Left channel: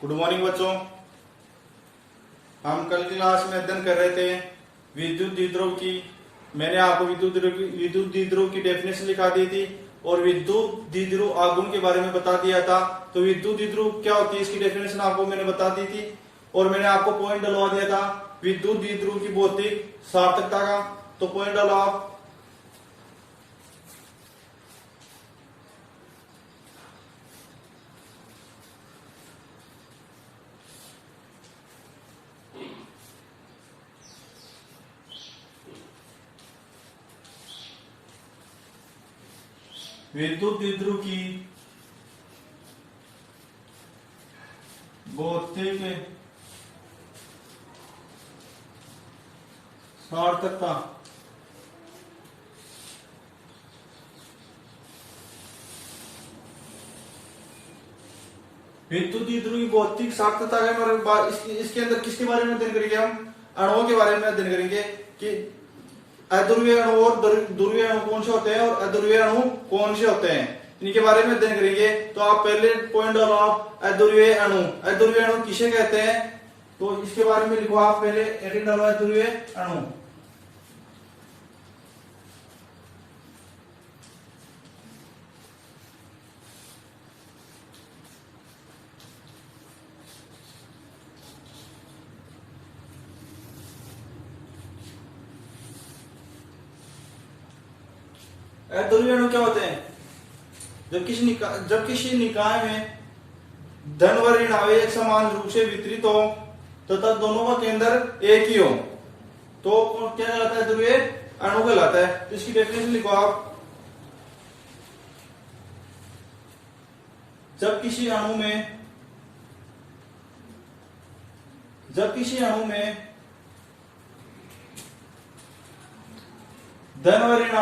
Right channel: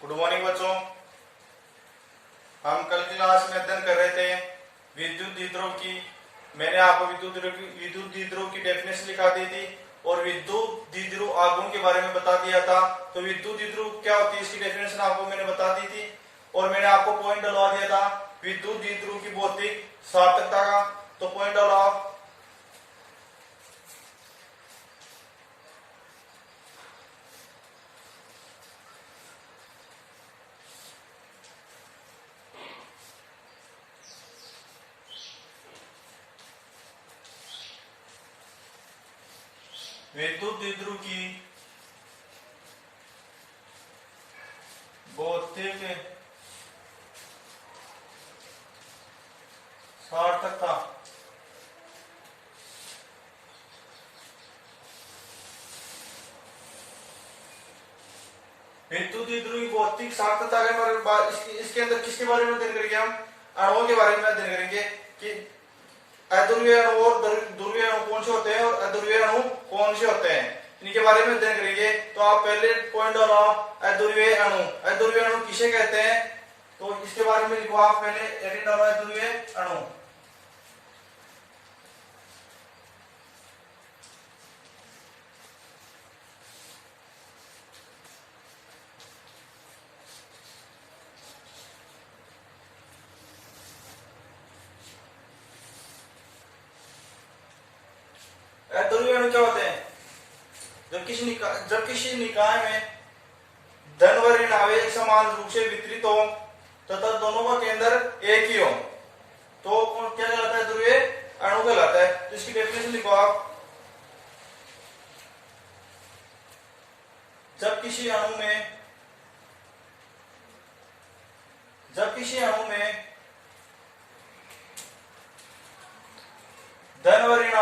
Good morning बच्चों। हम कल क्लास में अध्ययन कर रहे थे विद्युत द्विध्रुव की। मैंने आपको विद्युत द्विध्रुव की डेफिनेशन लिखा दी थी और विद्युत द्विध्रुव आघूर्ण के बारे में बता दिया था। तो विद्युत द्विध्रुव क्या होती है इसकी डेफिनेशन आपको मैंने बता दी थी और मैंने आपको पॉइंट डलवा दिया था विद्युत द्विध्रुव की भौतिक सार्थकता का। तो पॉइंट डालो आप। विद्युत द्विध्रुव की भौतिक सार्थकता विद्युत द्विध्रुव की भौतिक सार्थकता के बारे में इसके अंदर किसके बारे में अध्ययन करेंगे? हम अणुओं के बारे में अध्ययन करेंगे कि अध्रुवीय अणु और ध्रुवीय अणु कौन से होते हैं और अध्रुवीय अणु कौन से होते हैं, इनके बारे में अध्ययन करेंगे। तो आप पहले पॉइंट डालो आप अध्रुवीय अणु। अध्रुवीय अणु किसे कहते हैं तो इसके बारे में लिखो आप। पहले एडिट डालो अध्रुवीय अणु। अध्रुवीय अणु क्या होते हैं? जब किसी निकाय में धन व ऋण आवेश एक समान रूप से वितरित हो तथा दोनों का केंद्र एक ही हो तो क्या कहलाता है? अध्रुवीय अणु कहलाता है। तो इसकी डेफिनेशन लिखो आप। जब किसी अणु में धन व ऋण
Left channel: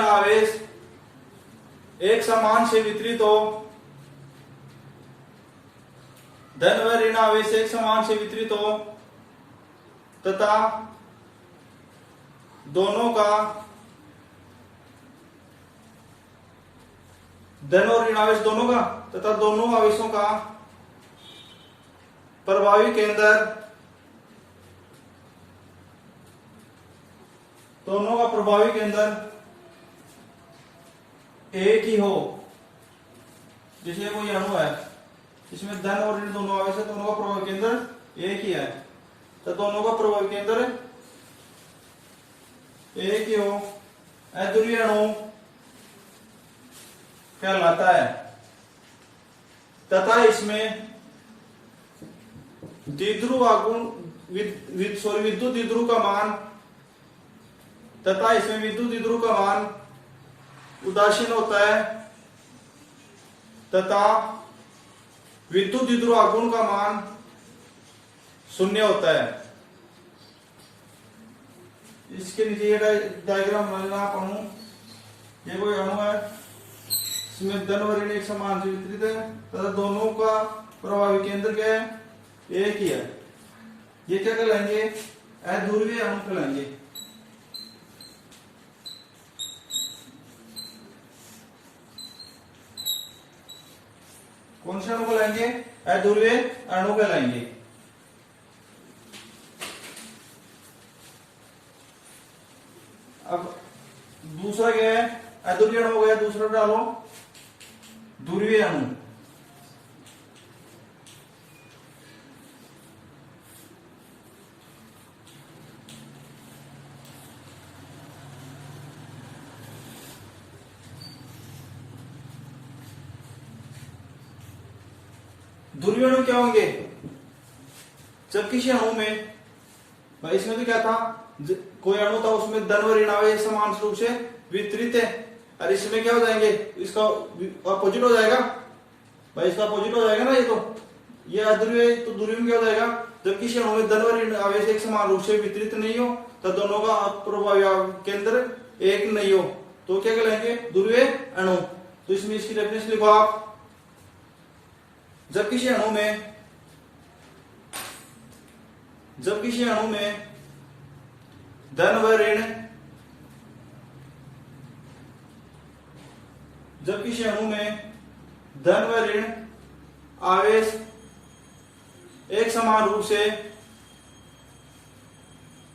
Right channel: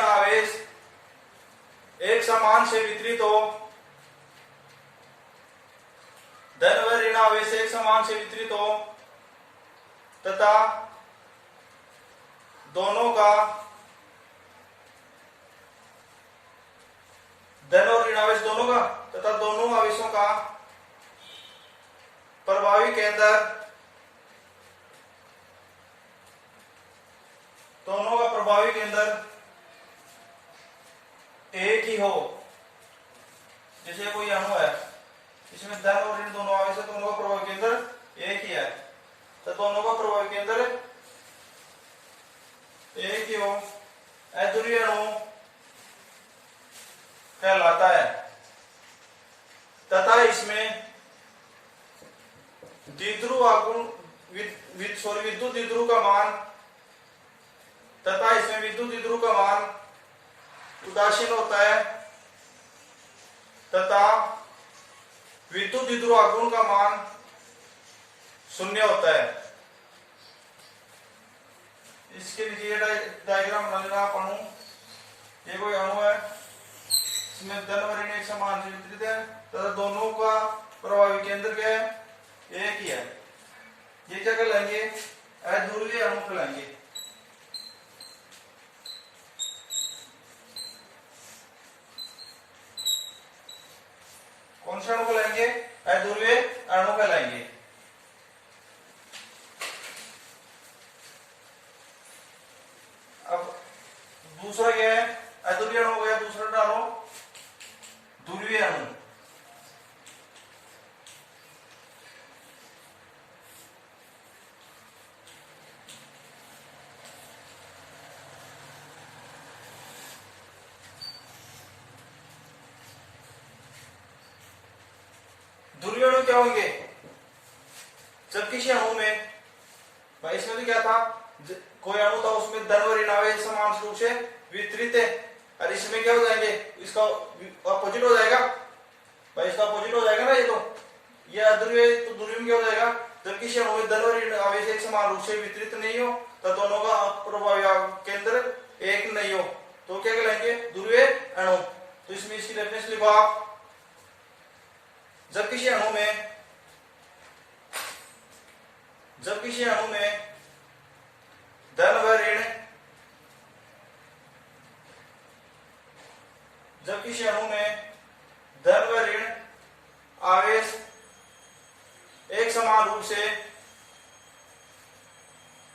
आवेश एक समान से वितरित हो, धन व ऋण आवेश एक समान से वितरित हो तथा दोनों का धन और ऋण आवेश दोनों का तथा दोनों आवेशों का प्रभावी केंद्र एक ही हो। जैसे कोई अणु है इसमें धन और ऋण दोनों आवेश है, दोनों का प्रभावी केंद्र एक ही है तो दोनों का प्रभावी केंद्र एक ही हो, अध्रुवीय अणु कहलाता है। तथा इसमें विद्युत द्विध्रुव का मान उदासीन होता है तथा विद्युत द्विध्रुव आघूर्ण का मान शून्य होता है। इसके नीचे ये डायग्राम बना लेना आप। अणु, ये कोई अणु है इसमें धन व ऋण एक समान से वितरित है तथा दोनों का प्रभावी केंद्र क्या है? एक ही है। ये क्या कहलाएंगे? अध्रुवीय अणु कहलाएंगे। कौन से अणु कहलाएंगे? अध्रुवीय अणु कहलाएंगे। अब दूसरा क्या है? अध्रुवीय अणु हो गया, दूसरा डालो ध्रुवीय अणु। ध्रुवीय अणु क्या होंगे? जब किसी अणु में, भाई इसमें तो क्या था, कोई अणु था उसमें धन व ऋण आवेश समान रूप से वितरित है और इसमें क्या हो जाएंगे? इसका अपोजिट हो जाएगा। भाई इसका अपोजिट हो जाएगा ना। ये अध्रुवीय, तो ध्रुवीय में क्या हो जाएगा? जब किसी अणु में धन व ऋण आवेश एक समान रूप से वितरित नहीं हो तो दोनों का प्रभावी केंद्र एक नहीं हो तो क्या कहलाएंगे? ध्रुवीय अणु। तो इसमें इसकी डेफिनेशन लिखो आप। जब किसी अणु में धन व ऋण जब किसी अणु में धन व ऋण आवेश एक समान रूप से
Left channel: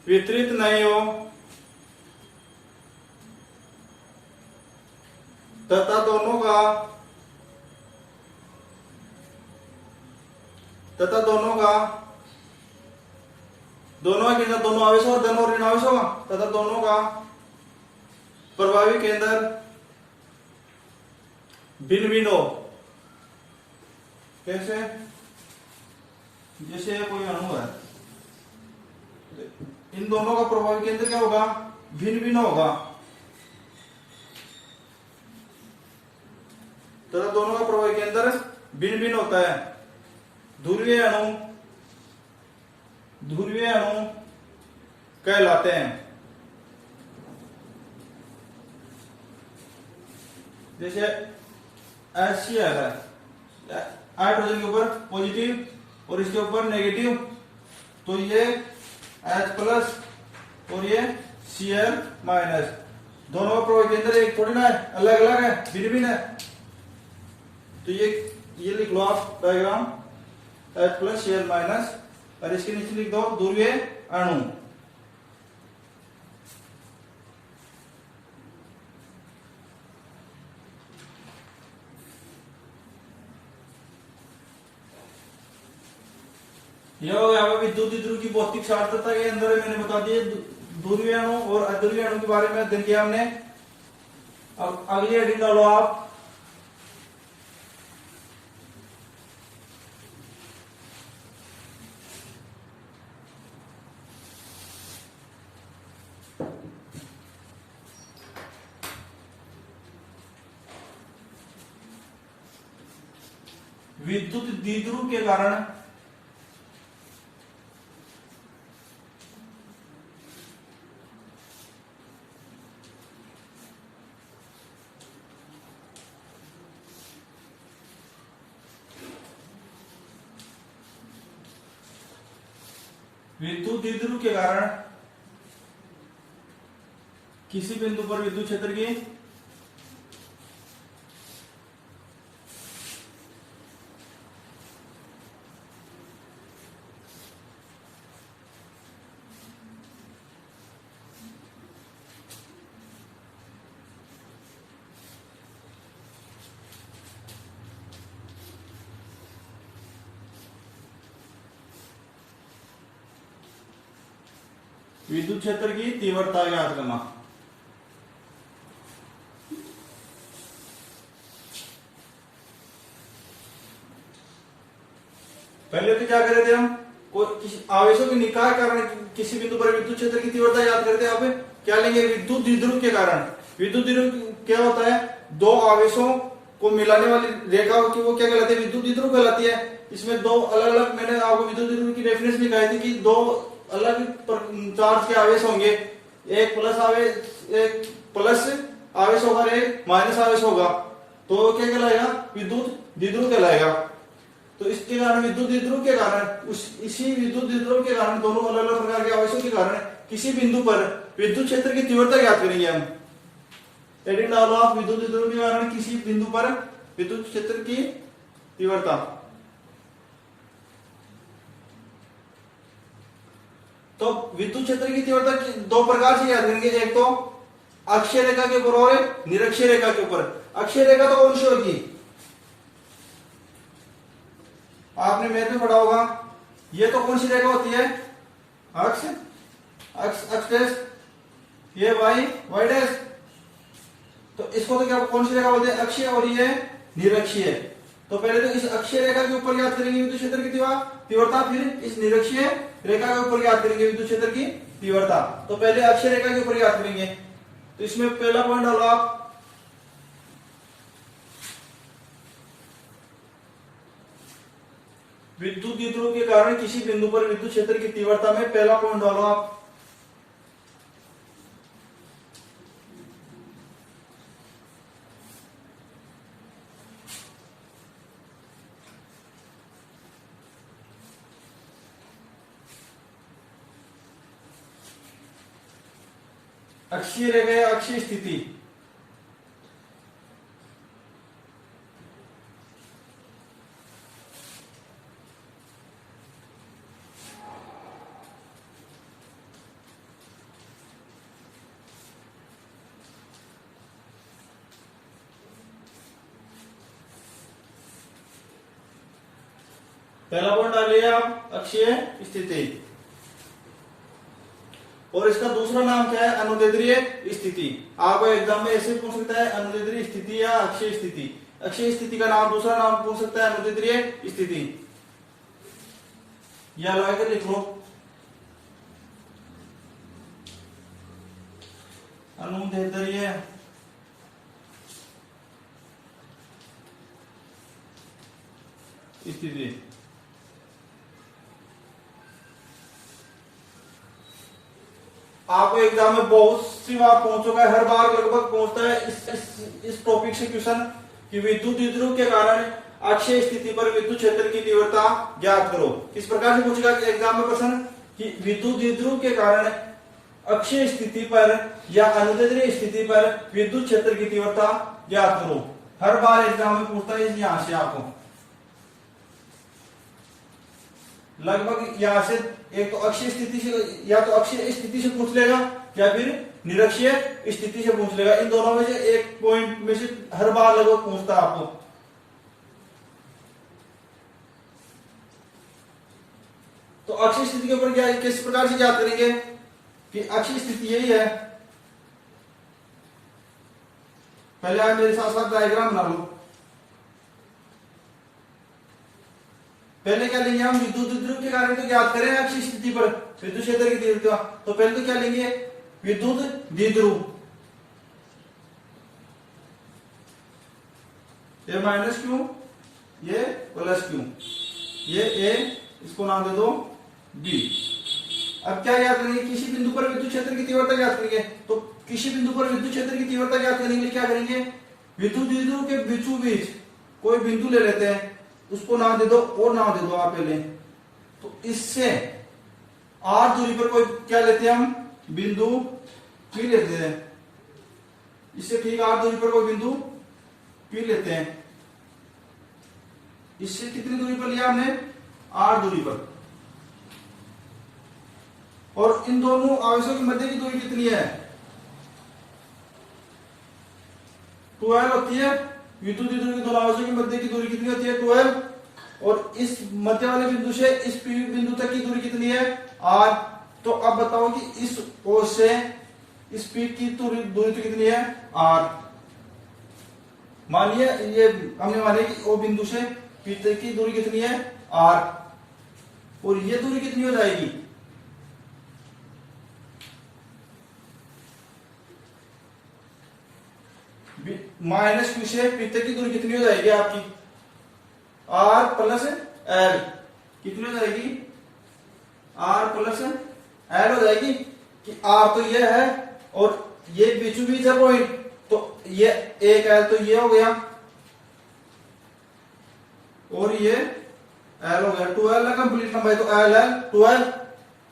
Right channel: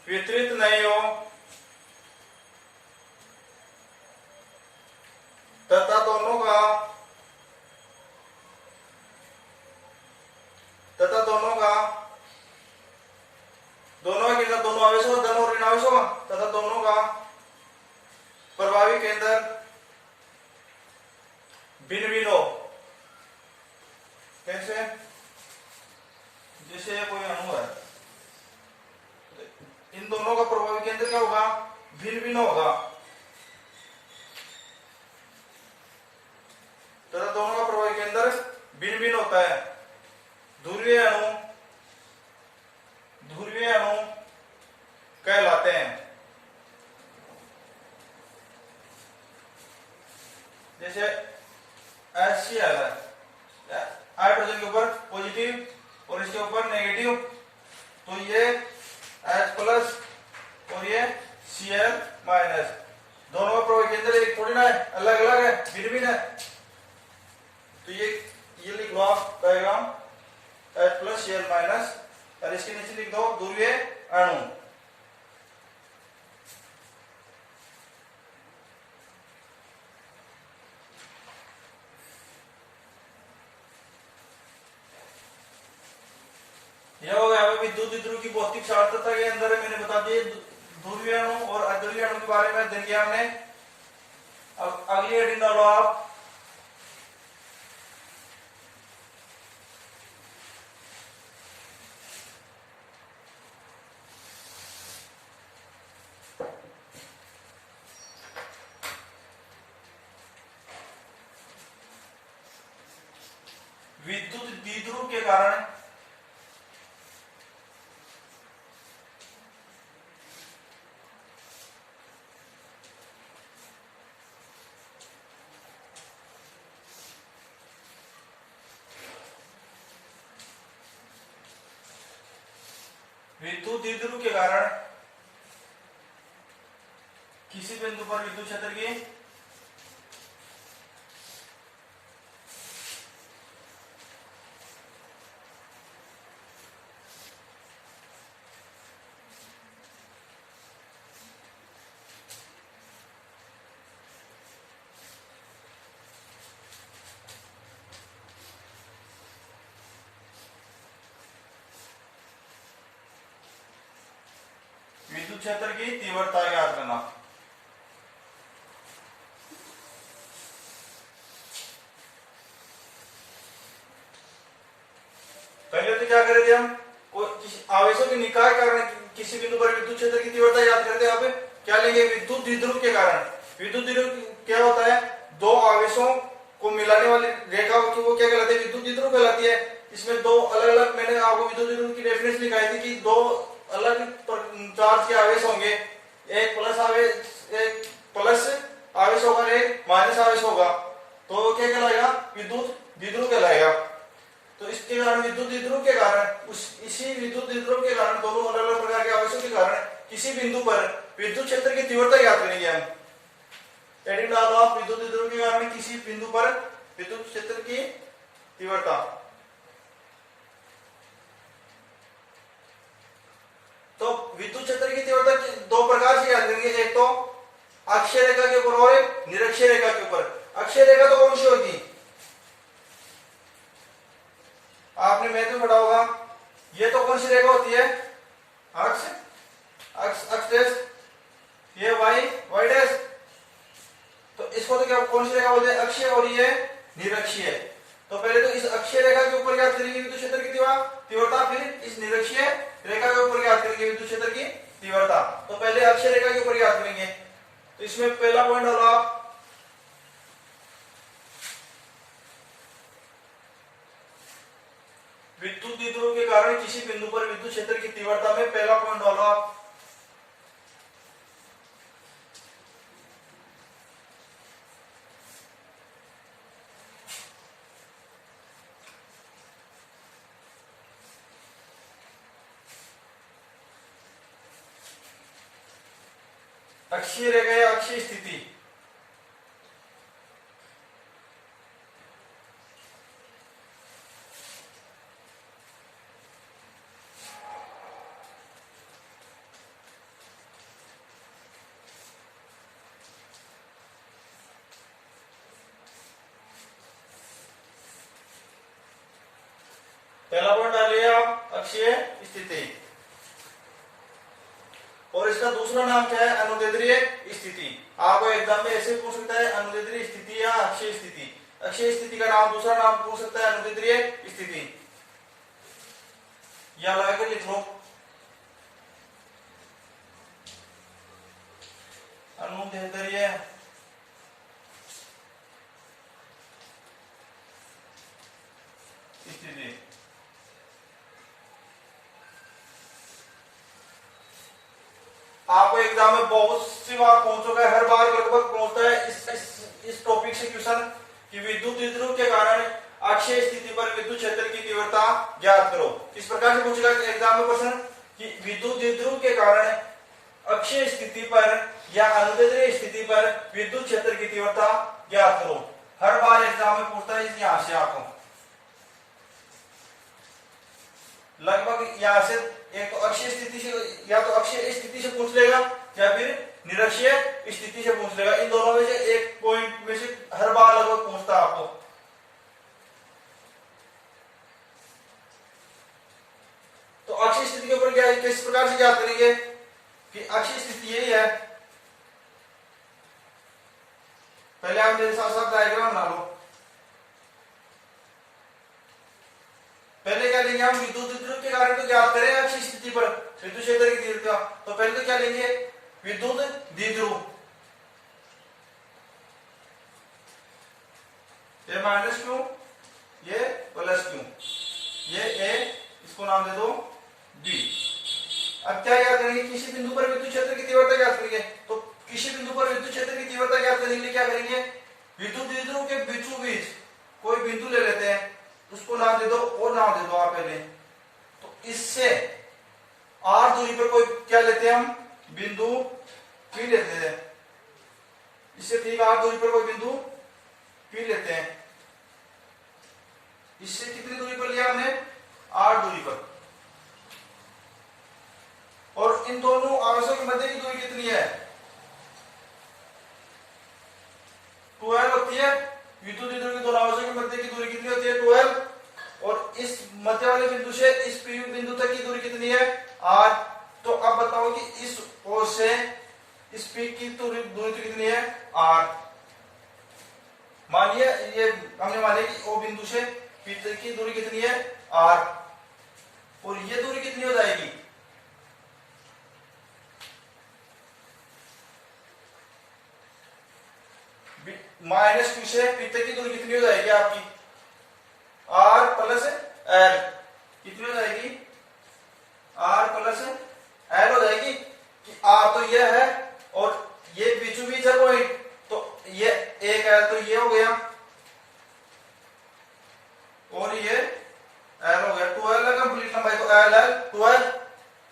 वितरित नहीं हो तथा दोनों के अंदर दोनों आवेश और धन और ऋण आवेश होगा तथा दोनों का प्रभावी केंद्र भिन्न भिन्न हो। कैसे? जैसे कोई अणु है, इन दोनों का प्रभावी केंद्र क्या होगा? भिन्न भिन्न होगा तथा दोनों का प्रभावी केंद्र भिन्न भिन्न होता है। ध्रुवीय अणु कहलाते हैं। जैसे HCl है, हाइड्रोजन के ऊपर पॉजिटिव और इसके ऊपर नेगेटिव, तो ये H+ और ये Cl-, दोनों का प्रभावी केंद्र एक थोड़ी ना है, अलग अलग है, भिन्न भिन्न है। तो ये लिख लो आप डायग्राम H+ Cl- और इसके नीचे लिख दो ध्रुवीय अणु। यह हो गया विद्युत ध्रुव की भौतिक सार्थकता के अंदर मैंने बता दिए ध्रुवीय अणु और अध्रुवीय अणु के बारे में अध्ययन किया हमने। अब अगली हेडिंग डालो आप विद्युत द्विध्रुव के कारण किसी बिंदु पर विद्युत क्षेत्र की विद्युत क्षेत्र की तीव्रता ज्ञात करना। पहले तो क्या करे थे हम, कोई आवेशों के निकाय कारण किसी बिंदु पर विद्युत क्षेत्र की तीव्रता याद करते हैं। आप क्या लेंगे? विद्युत द्विध्रुव के कारण। विद्युत द्विध्रुव क्या होता है? दो आवेशों को मिलाने वाली रेखा की वो क्या कहलाती है? विद्युत द्विध्रुव कहलाती है। इसमें दो अलग अलग, मैंने आपको विद्युत द्विध्रुव की डेफिनेशन लिखाई थी कि दो अलग चार्ज के आवेश होंगे, एक प्लस आवेश होगा, एक माइनस आवेश होगा, तो क्या कहलाएगा? विद्युत द्विध्रुव कहलाएगा। तो इसके कारण विद्युत द्विध्रुव के कारण इसी विद्युत द्विध्रुव के कारण दोनों अलग अलग प्रकार के आवेशों के कारण किसी बिंदु पर विद्युत क्षेत्र की तीव्रता ज्ञात करेंगे हम। हेडिंग डालो आप विद्युत द्विध्रुव के कारण किसी बिंदु पर विद्युत क्षेत्र की तीव्रता। तो विद्युत क्षेत्र की तीव्रता दो प्रकार से याद करेंगे, एक तो अक्षीय रेखा के ऊपर और एक निरक्षीय रेखा के ऊपर। अक्षीय रेखा तो कौन सी होगी? आपने मैथ में पढ़ा होगा, ये तो कौन सी रेखा होती है? अक्ष डैश, ये वाई डैश। तो इसको तो क्या कौन सी रेखा बोलते हैं? अक्षीय, और ये निरक्षीय। तो पहले तो इस अक्षीय रेखा के ऊपर याद करेंगे विद्युत क्षेत्र की तीव्रता, फिर इस निरक्षीय रेखा के ऊपर याद करेंगे विद्युत क्षेत्र की तीव्रता। तो पहले अक्षीय रेखा के ऊपर याद करेंगे। तो इसमें पहला पॉइंट डालो आप, विद्युत द्विध्रुव के कारण किसी बिंदु पर विद्युत क्षेत्र की तीव्रता में पहला पॉइंट डालो आप, अक्षीय रेखा या अक्षीय स्थिति। पहला पॉइंट डालिए आप, अक्षीय स्थिति। और इसका दूसरा नाम क्या है? अनुदैर्ध्य स्थिति। आपको एग्जाम में ऐसे पूछ सकता है, अनुदैर्ध्य स्थिति या अक्षीय स्थिति। अक्षीय स्थिति का नाम, दूसरा नाम पूछ सकता है अनुदैर्ध्य स्थिति। या लगाकर लिख लो, अनुदैर्ध्य स्थिति। आपको एग्जाम में बहुत सी बार पहुंच चुका है, हर बार लगभग पहुंचता है इस टॉपिक से क्वेश्चन कि विद्युत द्विध्रुव के कारण अक्षीय स्थिति पर विद्युत क्षेत्र की तीव्रता ज्ञात करो। किस प्रकार से पूछेगा एग्जाम में क्वेश्चन कि विद्युत द्विध्रुव के कारण अक्षीय स्थिति पर या अनुदैर्ध्य स्थिति पर विद्युत क्षेत्र की तीव्रता ज्ञात करो। हर बार एग्जाम में पूछता है यहां से आपको लगभग यहां से एक तो अक्षीय स्थिति से, या तो अक्षीय स्थिति से पूछ लेगा या फिर निरक्षीय स्थिति से पूछ लेगा। इन दोनों में से एक पॉइंट में से हर बार लगभग पूछता है आपको। तो अक्षीय स्थिति के ऊपर क्या, किस प्रकार से याद करेंगे कि अक्षीय स्थिति यही है। पहले आप मेरे साथ साथ डायग्राम बना लो। पहले क्या लेंगे हम, विद्युत द्विध्रुव के कारण तो ज्ञात करें अक्षीय स्थिति पर विद्युत क्षेत्र की तीव्रता। तो पहले तो क्या लेंगे, विद्युत द्विध्रुव, ये माइनस क्यू, ये प्लस क्यू, ये ए, इसको नाम दे दो बी। अब क्या याद करेंगे, किसी बिंदु पर विद्युत क्षेत्र की तीव्रता ज्ञात करेंगे। तो किसी बिंदु पर विद्युत क्षेत्र की तीव्रता ज्ञात करने के लिए क्या करेंगे, विद्युत द्विध्रुव के बीचों बीच कोई बिंदु ले लेते हैं, उसको नाम दे दो और नाम दे दो आप पहले। तो इससे आर दूरी पर कोई क्या लेते हैं हम, बिंदु पी लेते हैं। इससे ठीक आर दूरी पर कोई बिंदु पी लेते हैं। इससे कितनी दूरी पर लिया हमने, आर दूरी पर। और इन दोनों आवेशों के मध्य की दूरी कितनी है, 12 होती है। विद्युत द्विध्रुव के दोनों आवेशों के मध्य की दूरी कितनी होती है, 12। और इस मध्य वाले बिंदु से इस पी बिंदु तक की दूरी कितनी है, आर। तो अब बताओ कि इस ओर से इस पी की दूरी कितनी है, आर। मानिए ये हमने मानिए कि ओ बिंदु से पी तक की दूरी कितनी है, आर। और ये दूरी कितनी हो जाएगी, माइनस क्यू से पी तक की दूरी कितनी हो जाएगी आपकी, आर प्लस एल। कितनी हो जाएगी, आर प्लस एल हो जाएगी। कि आर तो ये है और ये बीचों बीच है पॉइंट, तो ये एक एल तो ये हो गया और ये एल हो गया। 12 है कंप्लीट लंबाई, तो एल एल 12।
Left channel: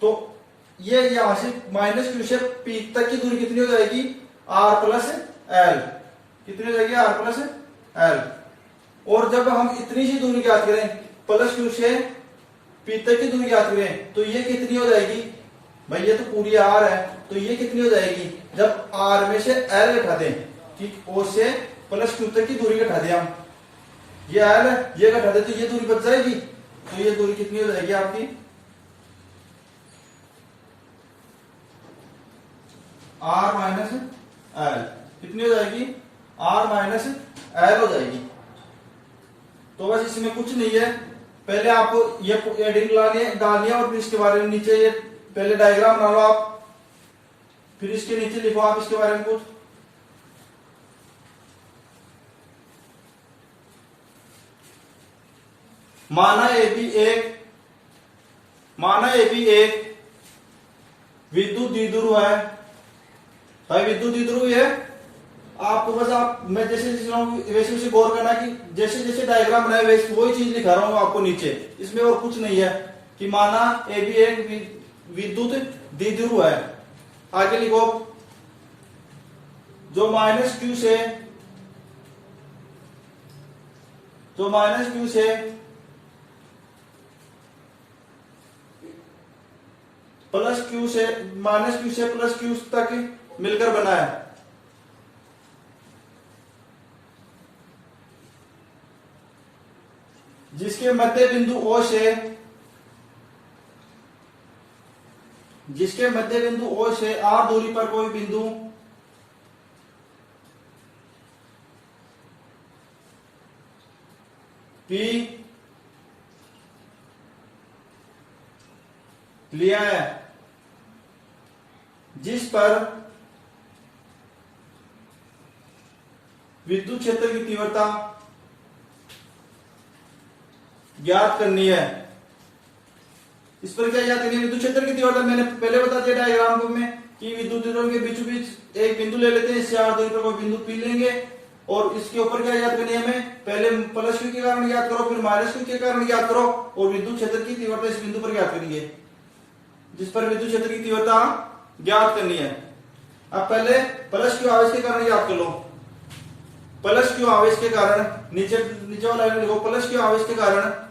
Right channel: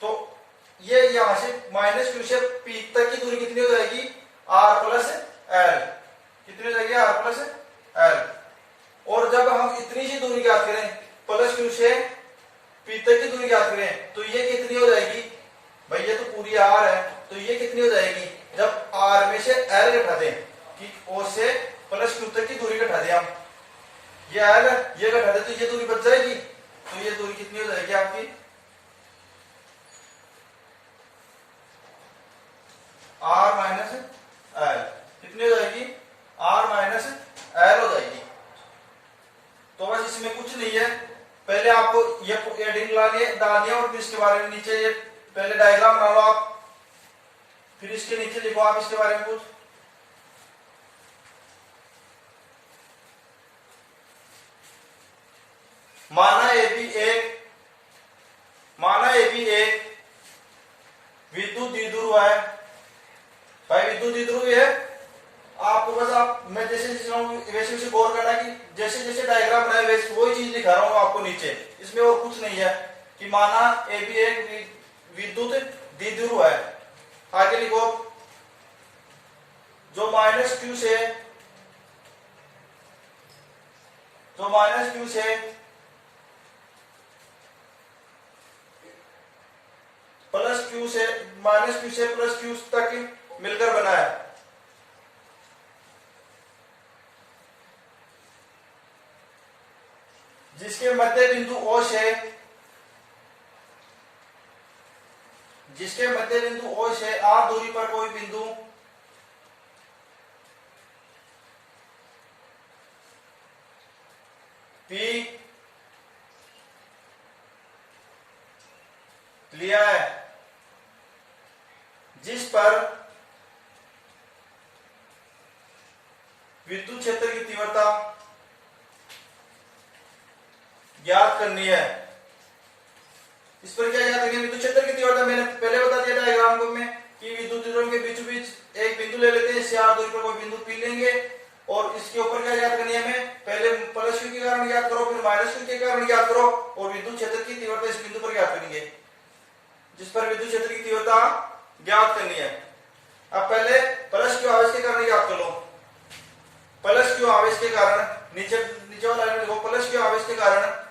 तो ये यहां से माइनस क्यू से पी तक की दूरी कितनी हो जाएगी, आर प्लस एल। कितनी हो जाएगी, आर प्लस एल। और जब हम इतनी सी दूरी ज्ञात करें, प्लस क्यू से पी तक की दूरी ज्ञात करें, तो ये कितनी हो जाएगी भाई, ये तो पूरी आर है, तो ये कितनी हो जाएगी, जब आर में से एल घटा दें, ठीक, ओ से प्लस क्यू तक की दूरी घटा दें हम, ये एल है, ये घटा दे तो ये दूरी बच जाएगी। तो ये दूरी कितनी हो जाएगी आपकी, आर माइनस एल। कितनी हो जाएगी, आर माइनस एल हो जाएगी। तो बस इसमें कुछ नहीं है, पहले आपको ये एडिंग डालनी है और फिर इसके बारे में नीचे ये पहले डायग्राम बना लो आप, फिर इसके नीचे लिखो आप इसके बारे में कुछ। माना ए बी एक विद्युत द्विध्रुव है। भाई विद्युत द्विध्रुव है, आपको बस मैं जैसे लिख रहा हूं वैसे वैसे गौर करना कि जैसे जैसे डायग्राम बनाए वैसे वही चीज लिखा रहा हूं आपको नीचे, इसमें और कुछ नहीं है। कि माना ए बी एक विद्युत द्विध्रुव है। आगे लिखो, जो माइनस क्यू से प्लस क्यू से माइनस क्यू से प्लस क्यू तक मिलकर बना है। जिसके मध्य बिंदु O से R दूरी पर कोई बिंदु P लिया है, जिस पर विद्युत क्षेत्र की तीव्रता ज्ञात करनी है। इस पर क्या ज्ञात करनी है? विद्युत क्षेत्र की तीव्रता मैंने पहले बता दिया डायग्राम में कि विद्युत वितरण के बीचों बीच एक बिंदु ले लेते हैं, इससे R दूरी पर कोई बिंदु P लेंगे और इसके ऊपर क्या ज्ञात करनी है हमें? पहले प्लस Q के कारण ज्ञात करो, फिर माइनस Q के कारण ज्ञात करो और विद्युत क्षेत्र की तीव्रता इस बिंदु पर ज्ञात करनी है, जिस पर विद्युत क्षेत्र की तीव्रता ज्ञात करनी है। अब पहले प्लस Q आवेश के कारण ज्ञात कर लो। प्लस Q आवेश के कारण नीचे वाला लाइन लिखो, प्लस Q आवेश के कारण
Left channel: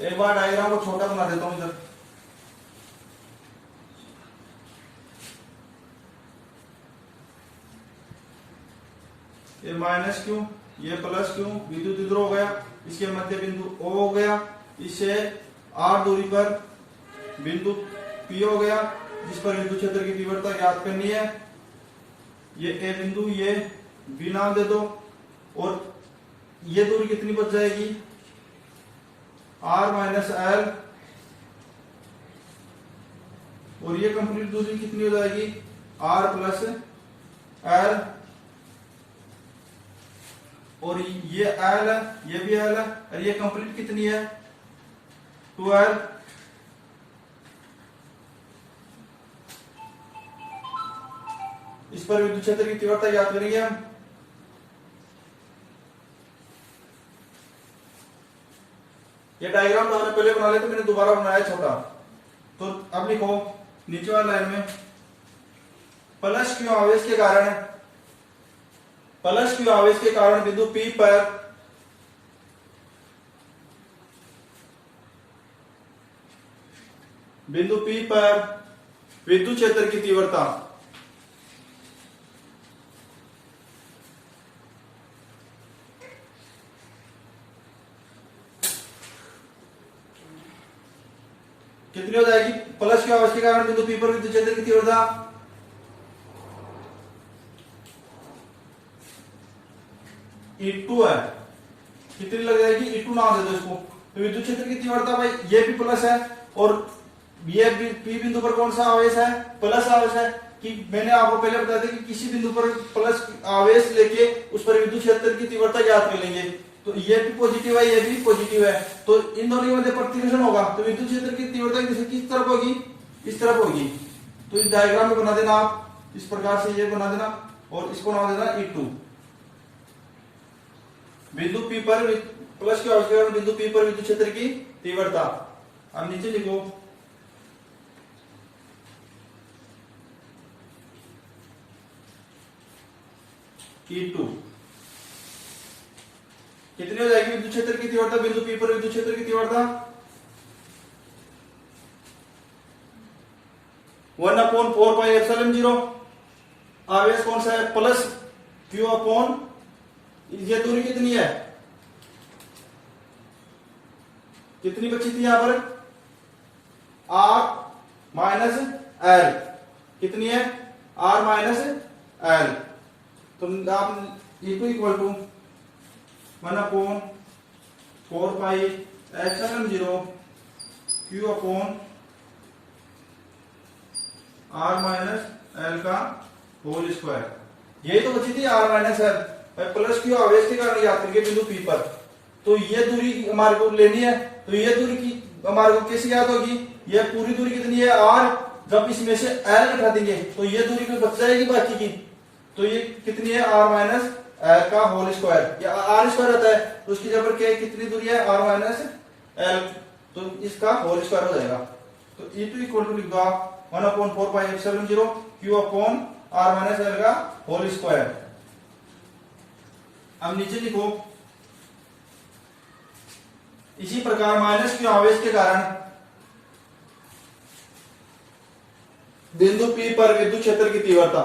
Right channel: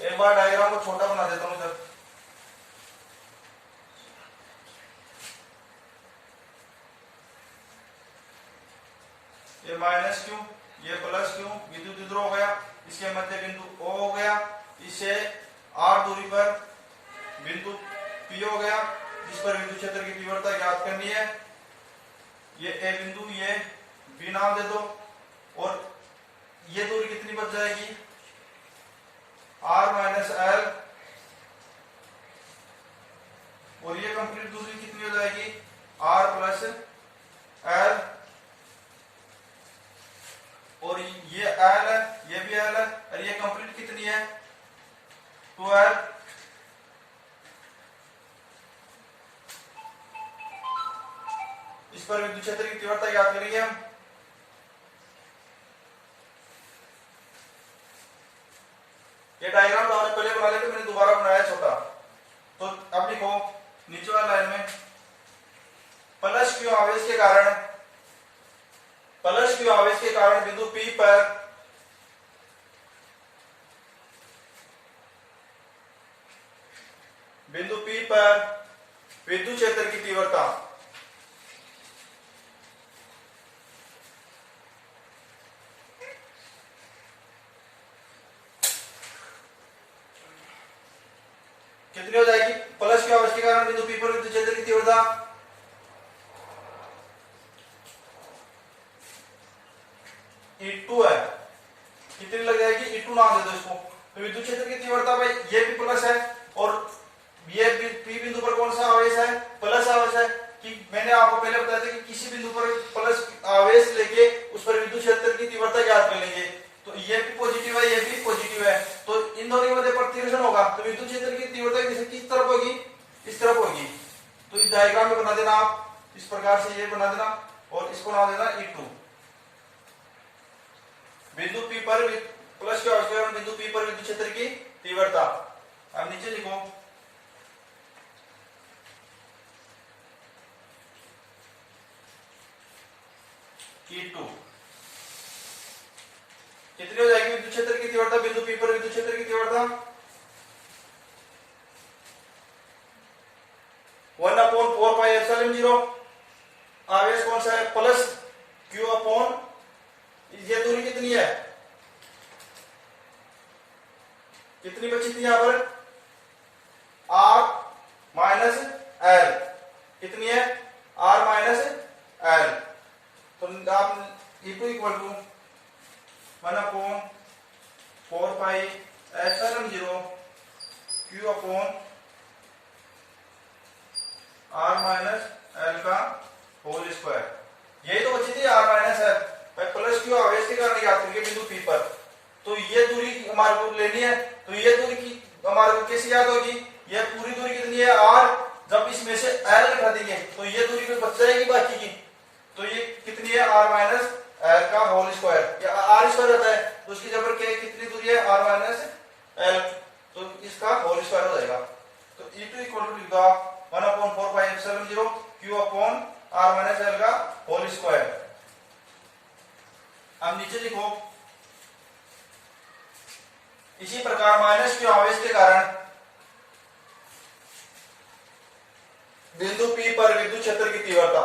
एक बार डायग्राम को छोटा बना देता हूं इधर। ये माइनस Q, ये प्लस Q, विद्युत इधर हो गया, इसके मध्य बिंदु O हो गया, इससे R दूरी पर बिंदु P हो गया, जिस पर विद्युत क्षेत्र की तीव्रता ज्ञात करनी है। ये A बिंदु, ये B नाम दे दो और ये दूरी कितनी बच जाएगी? R माइनस L, और ये कंप्लीट दूरी कितनी हो जाएगी? R प्लस L, और ये L है, ये भी L है, और ये कंप्लीट कितनी है? 2L। इस पर विद्युत क्षेत्र की तीव्रता ज्ञात करेंगे हम। ये डायग्राम तो हमने पहले बना लिया, तो मैंने दोबारा बनाया छोटा। तो अब लिखो नीचे वाली लाइन में प्लस Q आवेश के कारण बिंदु P पर विद्युत क्षेत्र की तीव्रता कितनी हो जाएगी? प्लस Q आवेश के कारण बिंदु P पर विद्युत क्षेत्र की तीव्रता E2 है। कितनी लग जाएगी? E2 नाम दे दो इसको। तो विद्युत क्षेत्र की तीव्रता भाई ये भी प्लस है और ये P बिंदु पर कौन सा आवेश है? प्लस आवेश है। कि मैंने आपको पहले बताया था कि किसी बिंदु पर प्लस आवेश लेके उस पर विद्युत क्षेत्र की तीव्रता ज्ञात कर लेंगे। तो ये भी पॉजिटिव है, ये भी पॉजिटिव है, तो इन दोनों के मध्य प्रतिकर्षण होगा, तो विद्युत क्षेत्र की तीव्रता किस तरफ होगी? इस तरफ होगी। तो इस डायग्राम में बना देना आप, इस प्रकार से ये बना देना और इसको नाम देना E2। बिंदु P पर प्लस के आवेश बिंदु P पर विद्युत क्षेत्र की तीव्रता। अब नीचे लिखो E2 कितनी हो जाएगी? विद्युत क्षेत्र की तीव्रता बिंदु P पर विद्युत क्षेत्र की तीव्रता 1/4πε0। आवेश कौन सा है? प्लस Q अपॉन, ये दूरी कितनी है? कितनी बची थी यहां पर? R minus L। कितनी है? R minus L। तो आप E2 equal to 1/4πε0 Q upon R minus L का होल स्क्वायर। यही तो बची थी R minus L। Plus Q आवेश के कारण याद करके बिंदु P पर, तो ये दूरी हमारे को लेनी है। तो ये दूरी की हमारे को कैसे याद होगी? ये पूरी दूरी कितनी है? R। जब इसमें से L घटा देंगे तो ये दूरी तो बच जाएगी बाकी की। तो ये कितनी है? R माइनस L का होल स्क्वायर। या R स्क्वायर होता है तो उसकी जगह पर कितनी दूरी है? R माइनस L, तो इसका होल स्क्वायर हो जाएगा। तो E2 इक्वल टू लिख दो 1/4πε0 Q upon R minus L का होल स्क्वायर। अब नीचे लिखो इसी प्रकार माइनस Q आवेश के कारण बिंदु P पर विद्युत क्षेत्र की तीव्रता।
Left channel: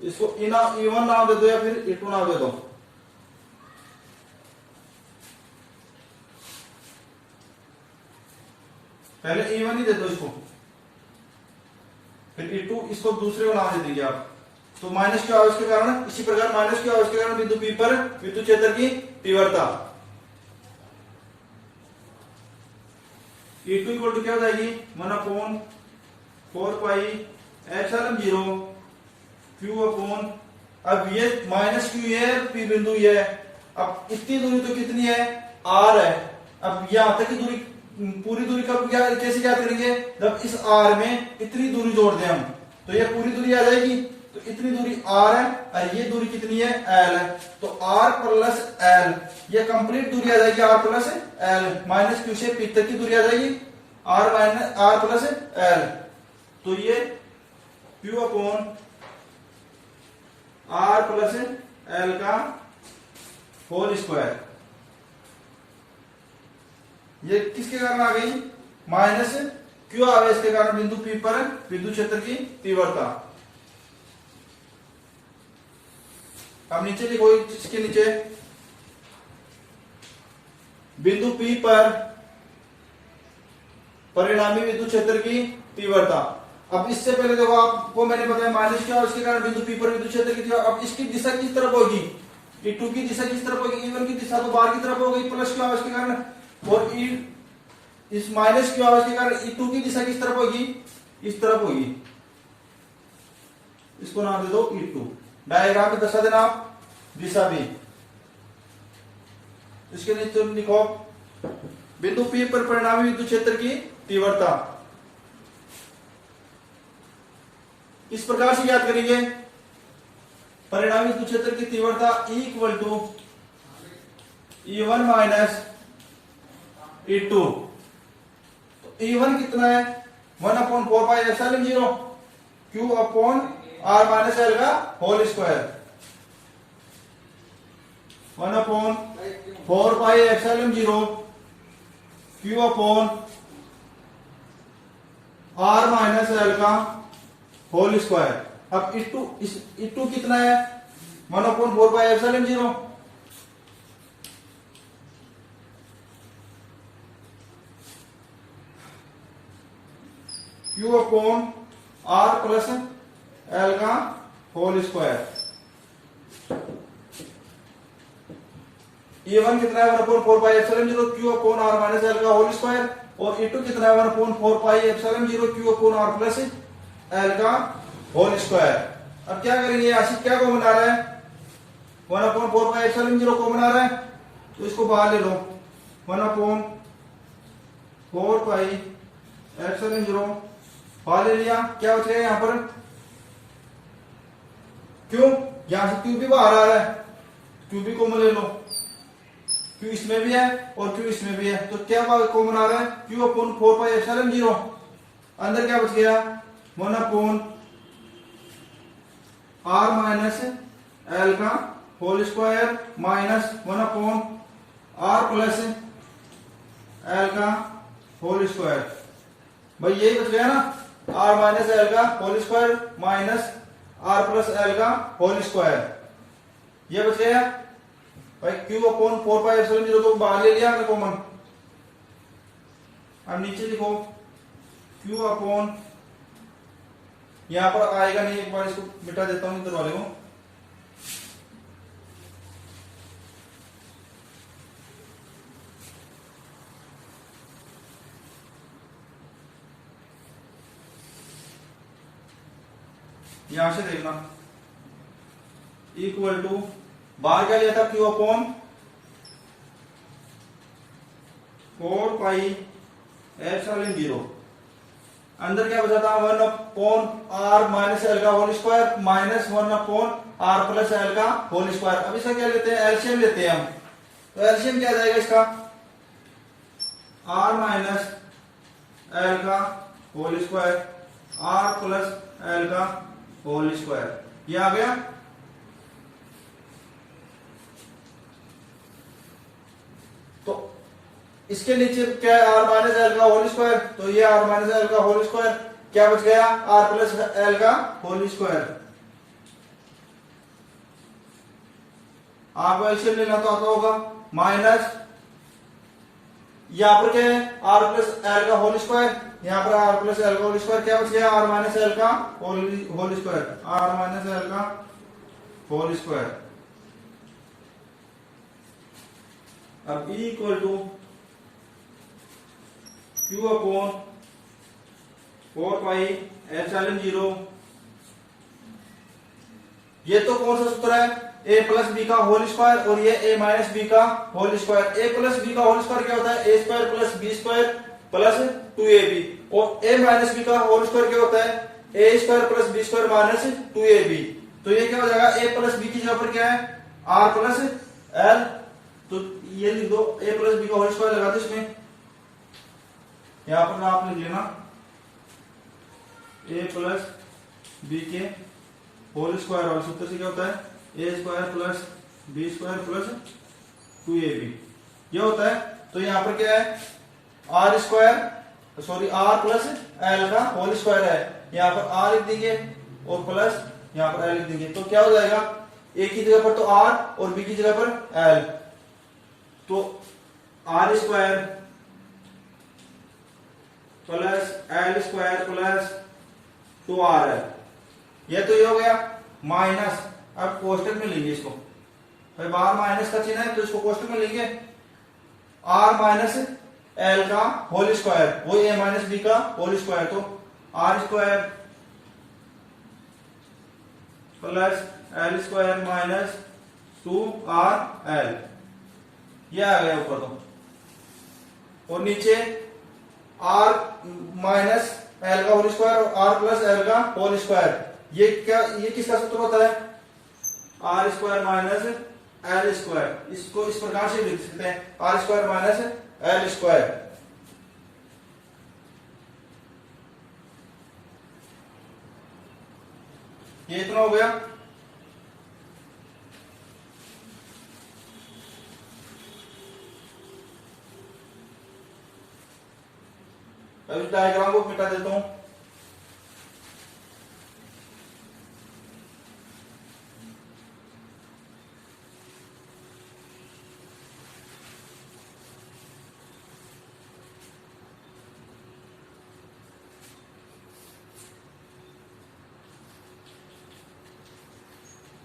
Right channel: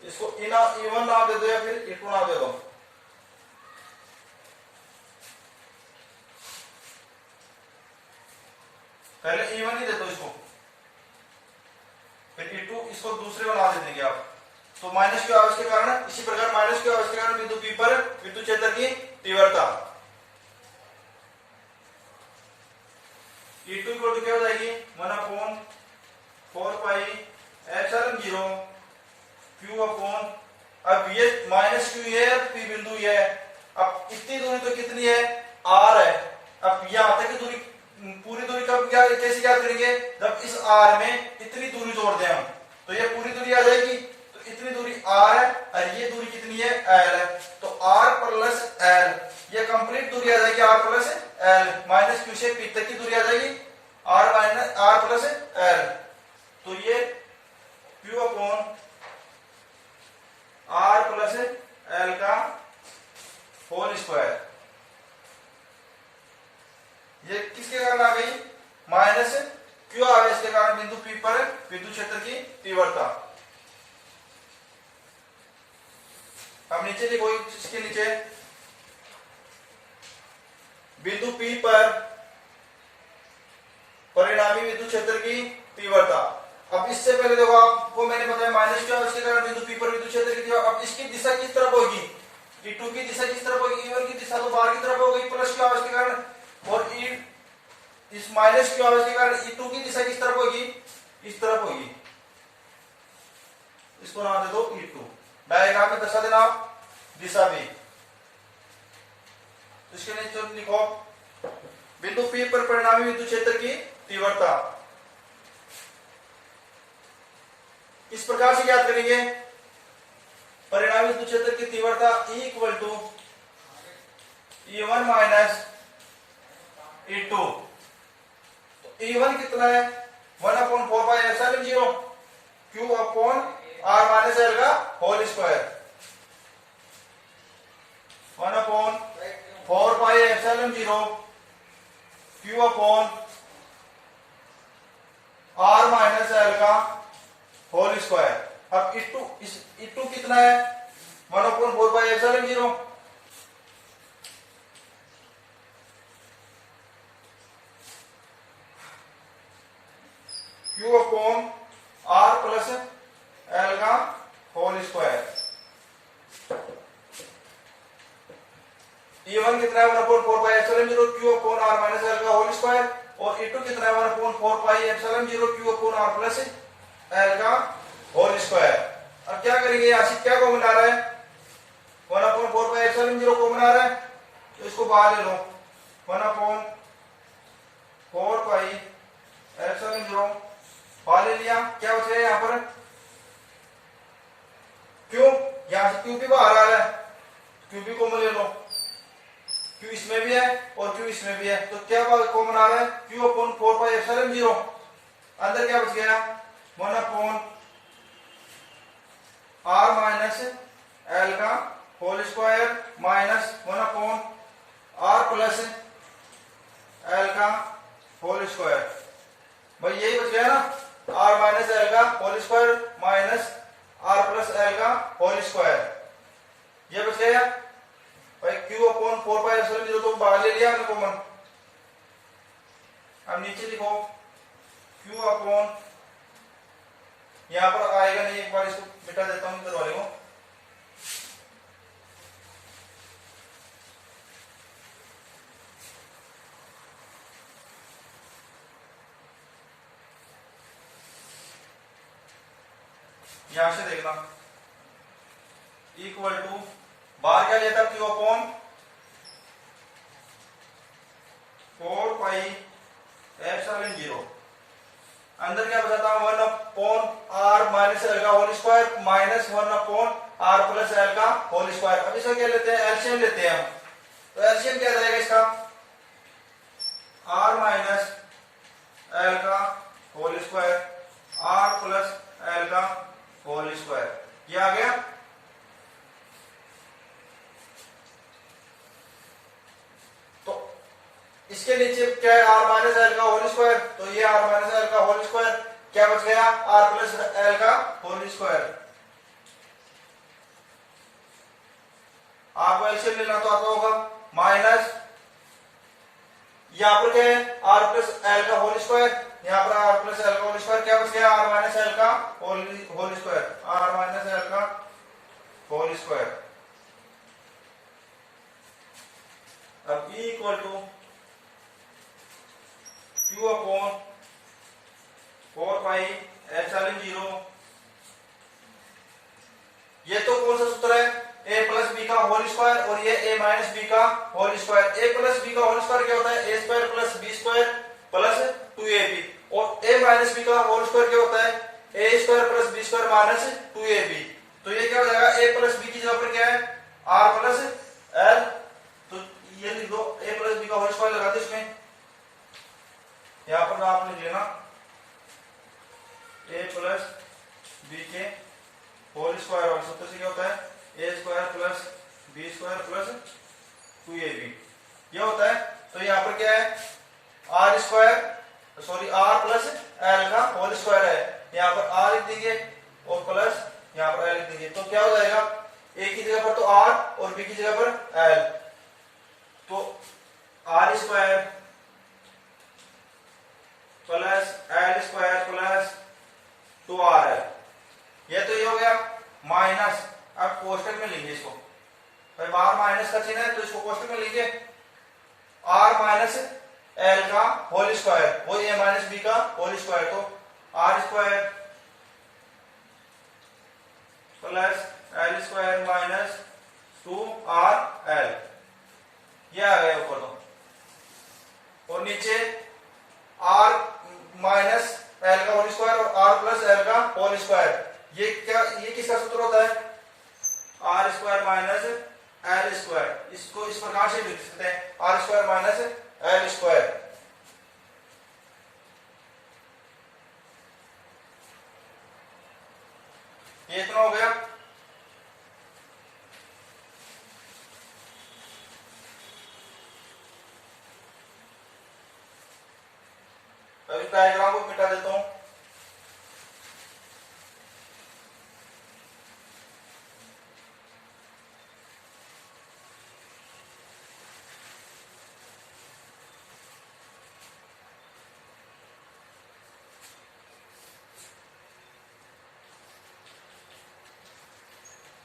इसको E1 नाम दे दो या फिर E2 नाम दे दो। पहले E1 ही दे दो इसको, फिर E2 इसको दूसरे को नाम दे देंगे आप। तो माइनस क्यू आवेश के कारण, इसी प्रकार माइनस क्यू आवेश के कारण बिंदु P पर विद्युत क्षेत्र की तीव्रता E2 इक्वल टू क्या हो जाएगी 1/4πε0 Q अपॉन, अब ये माइनस क्यू है, P बिंदु ये है। अब इतनी दूरी तो कितनी है R है। अब यहां तक की दूरी, पूरी दूरी कब क्या कैसे क्या करेंगे, जब इस R में इतनी दूरी जोड़ दें हम, तो ये पूरी दूरी आ जाएगी। तो इतनी दूरी R है और ये दूरी कितनी है L है। तो R प्लस L, ये कंप्लीट दूरी आ जाएगी R plus L। Minus Q से P तक की दूरी आ जाएगी R प्लस L। तो ये Q upon R plus L का होल स्क्वायर, ये किसके कारण आ गई, माइनस क्यू आवेश के कारण बिंदु P पर विद्युत क्षेत्र की तीव्रता। अब नीचे देखो, इसके नीचे बिंदु P पर परिणामी विद्युत क्षेत्र की तीव्रता। अब इससे पहले देखो, आपको मैंने बताया माइनस क्यू आवेश के कारण बिंदु P पर विद्युत क्षेत्र की तीव्रता। अब इसकी दिशा किस तरफ होगी, E2 की दिशा किस तरफ होगी, E1 की दिशा तो बाहर की तरफ होगी प्लस क्यू आवेश के कारण, और इस माइनस क्यू आवेश के कारण E2 की दिशा किस तरफ होगी, इस तरफ होगी। इसको नाम दे दो E2। डायग्राम में दर्शा देना आप दिशा भी। इसके नीचे लिखो बिंदु P पर परिणामी विद्युत क्षेत्र की तीव्रता। इस प्रकार से याद करेंगे, परिणामी विद्युत क्षेत्र की तीव्रता E equal to E1 minus E2। तो E1 कितना है 1/4πε0 Q upon R minus L का whole square. 1/4πε0 Q upon R minus L का होल स्क्वायर। अब E2 कितना है 1/4πε0 Q upon R plus L का होल स्क्वायर। E1 कितना है 1/4πε0 Q upon R minus L का होल स्क्वायर, और E2 कितना है 1/4πε0 Q upon R plus L का होल स्क्वायर। अब क्या करेंगे, आशिक क्या को बना रहा है 1/4πε0 को बना रहा है, तो इसको बाहर ले लो 1/4πε0 बाहर ले लिया। क्या बच गया यहां पर क्यों, यहां से क्यू भी बाहर आ रहा है, क्यू भी कॉमन ले लो, क्यू इसमें भी है और क्यू इसमें भी है, तो क्या कॉमन आ रहा है क्यू अपॉन 4πε0। अंदर क्या बच गया 1/r माइनस एल का whole square minus 1/r plus L का होल स्क्वायर। भाई यही बच गया ना, r माइनस एल का whole square minus r plus L का होल स्क्वायर, ये बच गया भाई q अपॉन 4πε0 तो बाहर ले लिया हमने कॉमन। अब नीचे लिखो q अपॉन, यहां पर आएगा नहीं, एक बार इसको मिटा देता हूं इधर वाले को। यहां से देखना इक्वल टू, बाहर क्या लिया था क्यू अपॉन 4πε0, अंदर क्या बचा था 1/r माइनस एल का whole square minus 1/r plus L का होल स्क्वायर। अब इसका क्या लेते हैं, एलसीएम लेते हैं हम, तो एलसीएम क्या जाएगा इसका r माइनस एल का whole square r plus L का होल स्क्वायर, ये आ गया। इसके नीचे क्या है, आर माइनस एल का होल स्क्वायर, तो ये आर माइनस एल का होल स्क्वायर, क्या बच गया, आर प्लस एल का होल स्क्वायर। आपको एलसीएम लेना तो आता होगा, माइनस यहां पर क्या है, आर प्लस एल का होल स्क्वायर, यहां पर आर प्लस एल का होल स्क्वायर, क्या बच गया, आर माइनस एल का whole square, R minus L का होल स्क्वायर। अब E equal to Q upon 4 pi epsilon 0। ये तो कौन सा सूत्र है, a प्लस बी का होल स्क्वायर, और ये a माइनस बी का whole square. a plus B का होल स्क्वायर क्या होता है, a square plus B square plus 2ab, और a माइनस बी का होल स्क्वायर क्या होता है, a square plus B square minus 2ab। तो ये क्या हो जाएगा, a प्लस बी की जगह पर क्या है, r प्लस l, तो ये लिख दो, a प्लस बी का होल स्क्वायर लगा दो इसमें, यहां पर आप लिख लेना a प्लस बी के होल स्क्वायर, और सूत्र से क्या होता है, a square plus B square plus 2ab, ये होता है। तो यहां पर क्या है, are square sorry r plus L का होल स्क्वायर है, यहां पर आर लिख देंगे और प्लस यहां पर एल लिख देंगे, तो क्या हो जाएगा, ए की जगह पर तो आर और बी की जगह पर एल, तो R square plus L square plus 2rl, ये तो ये हो गया माइनस। अब कोष्टक में लेंगे इसको, भाई बाहर माइनस का चिन्ह है तो इसको कोष्टक में लेंगे, आर माइनस एल का होल स्क्वायर, वो ए माइनस बी का होल स्क्वायर, तो R square plus L square minus 2rl, ये आ गया ऊपर तो, और नीचे आर माइनस एल का होल स्क्वायर और आर प्लस एल का होल स्क्वायर, ये क्या, ये किसका सूत्र होता है, are square minus L square. इसको इस प्रकार से लिख सकते हैं, R square minus L square. ये इतना हो गया। अब इस डायग्राम को मिटा देता हूं,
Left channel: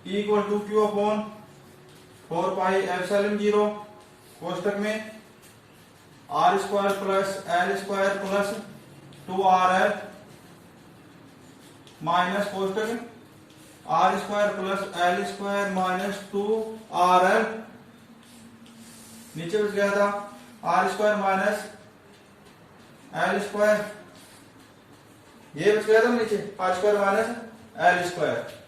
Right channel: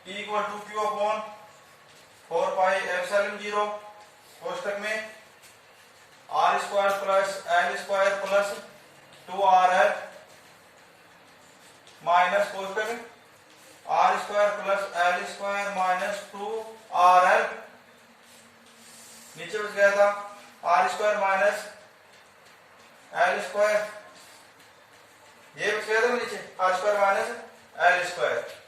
E equal to Q upon 4 pi epsilon 0 कोष्टक में r square plus L square plus 2rl minus कोष्टक r square plus L square minus 2rl, नीचे बच गया था r square minus L square, ये बच गया था नीचे r square minus L square.